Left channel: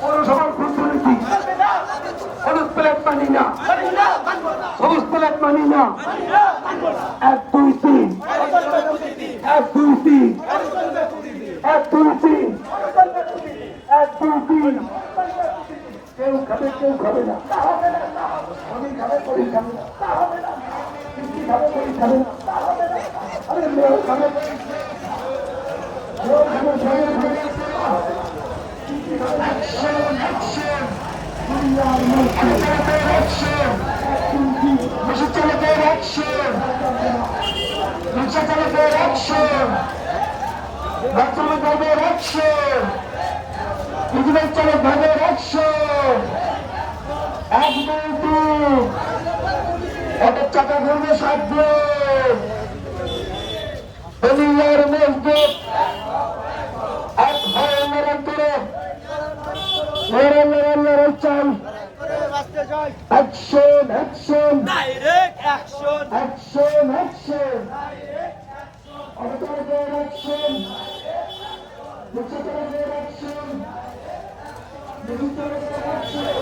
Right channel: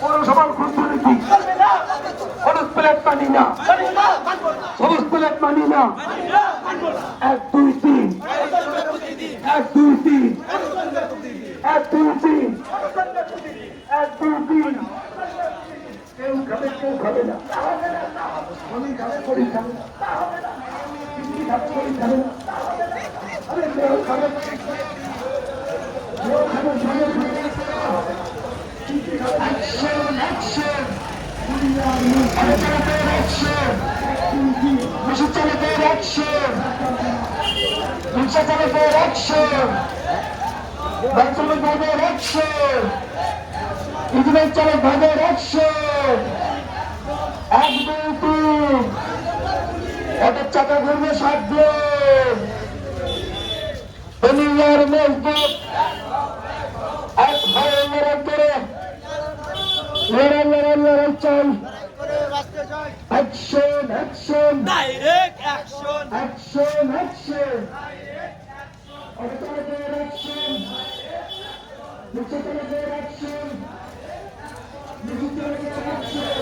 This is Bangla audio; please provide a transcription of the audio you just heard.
পৌরসভার ক্ষুদ্রনীতি হলুদ প্লেট মানি না, সবুজ প্লেট মানি না। 1 2 3 1 2 3 1 2 3 1 2 3 কেউ খাবে কেউ খাবে না, আমি খাবে করি খাবে চাকা ঘুরবে 7 দিন। দুনিয়ার মসজিদ এক ভাই লড়াই করে লড়াই চাই। Action action direct action action action অবতারদের অ্যাকশন মুখ্যমন্ত্রীদের অ্যাকশন মুখ্যমন্ত্রীদের অ্যাকশন